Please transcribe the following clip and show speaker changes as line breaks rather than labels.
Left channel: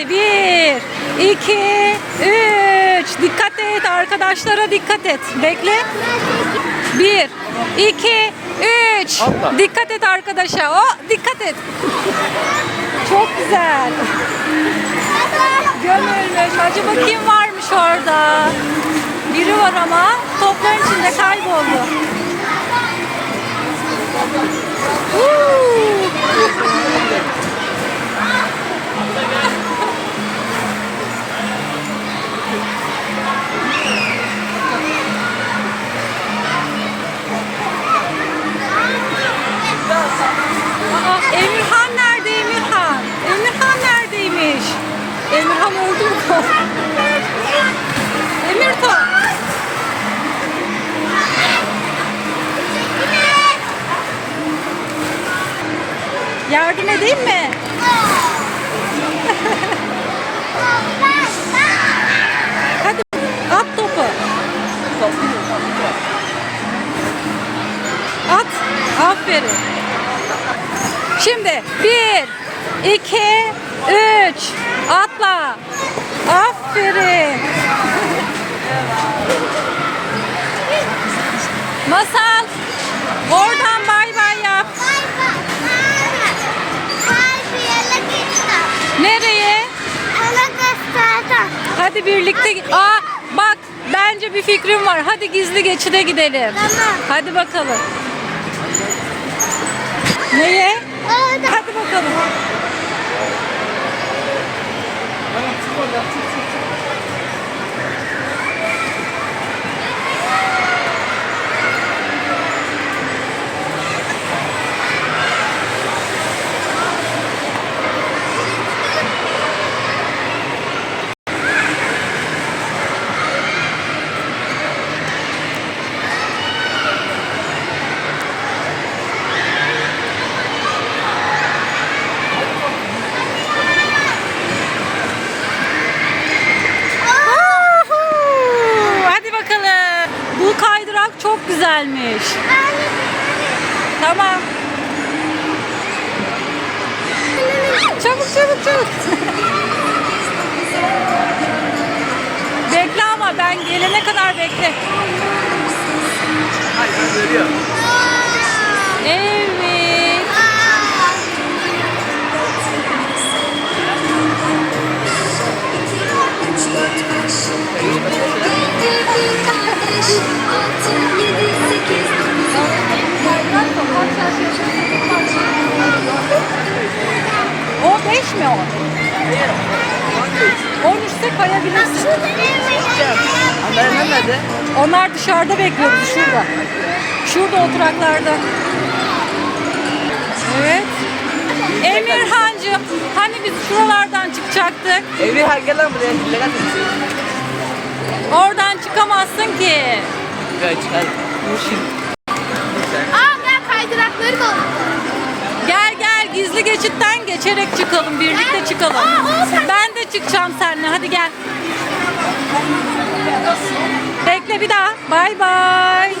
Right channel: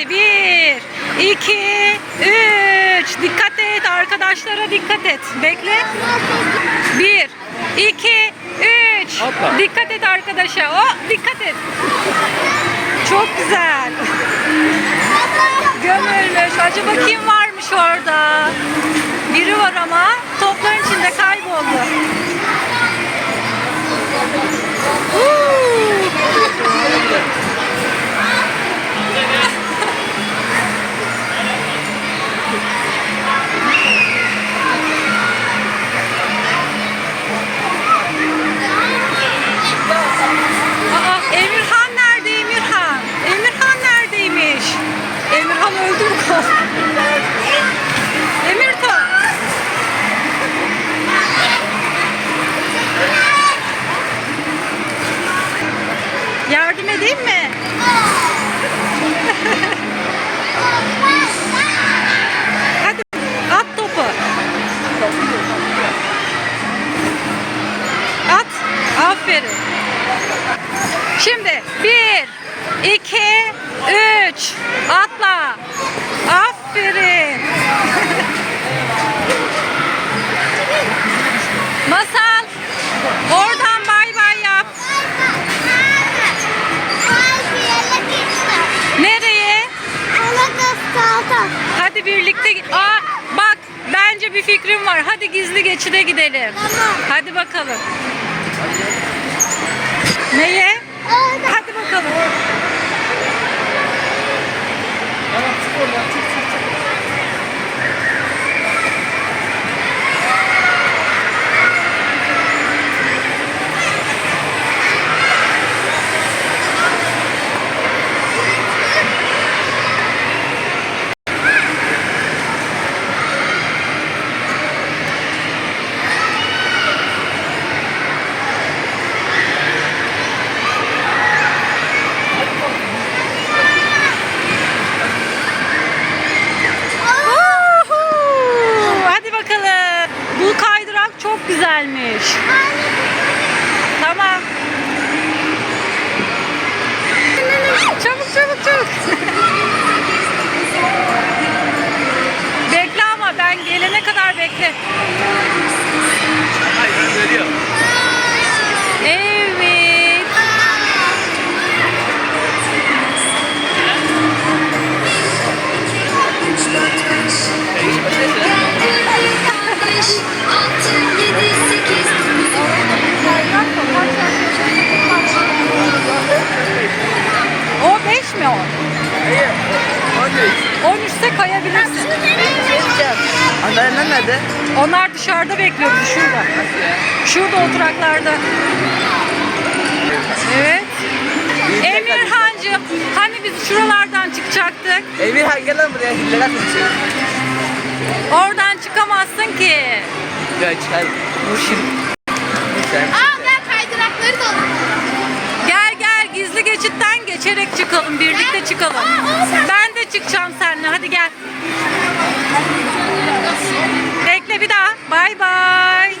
Hadi bir, iki, üç. Dikkat et arkadaşlara dikkat et. Bekle. Bir, iki, üç. Dikkat et arkadaşa. O dikkat et. Çok güzel. Gömülmüş. Acaba kim varmış orada? Biri var ama topların içinde kayboldu. Öldü mü kız? Emirhan. Yardım edeyim mi? Hadi at topu. At. Aferin. Şimdi bir, iki. Atla. Aferin. Masal. Oradan bay bay yap. Nereye? Hadi birlikte. Aa, bak bence bir fikrim var. Hadi gizli geçide gidelim.
Tamam.
Hadi bakalım. Neye? Hadi bakalım.
Tamam çık oradan çık çık çık.
Uhu! Hadi bakalım. Bu kaydırak çok güzelmiş. Tamam. Çabuk çabuk çabuk. bekle ama ben gelene kadar bekle. Evet. 13'te kayabilirsin.
Annem nerede?
Onlar dışarıda bekliyor bizi şurada. Şurada oturaklarda. Evet. Emirhancığım hani biz şuralardan çıkacaktık?
Evi her gelen buraya atıyor.
Oradan çıkamazsın ki.
Gel çıkar.
Dur şimdi.
Aa gel kaydırakları da
gizli geçitten geçerek çıkalım. Birlikte çıkalım. Ben de çıkacağım seninle. Hadi gel. Bekle bir daha. Bay bay.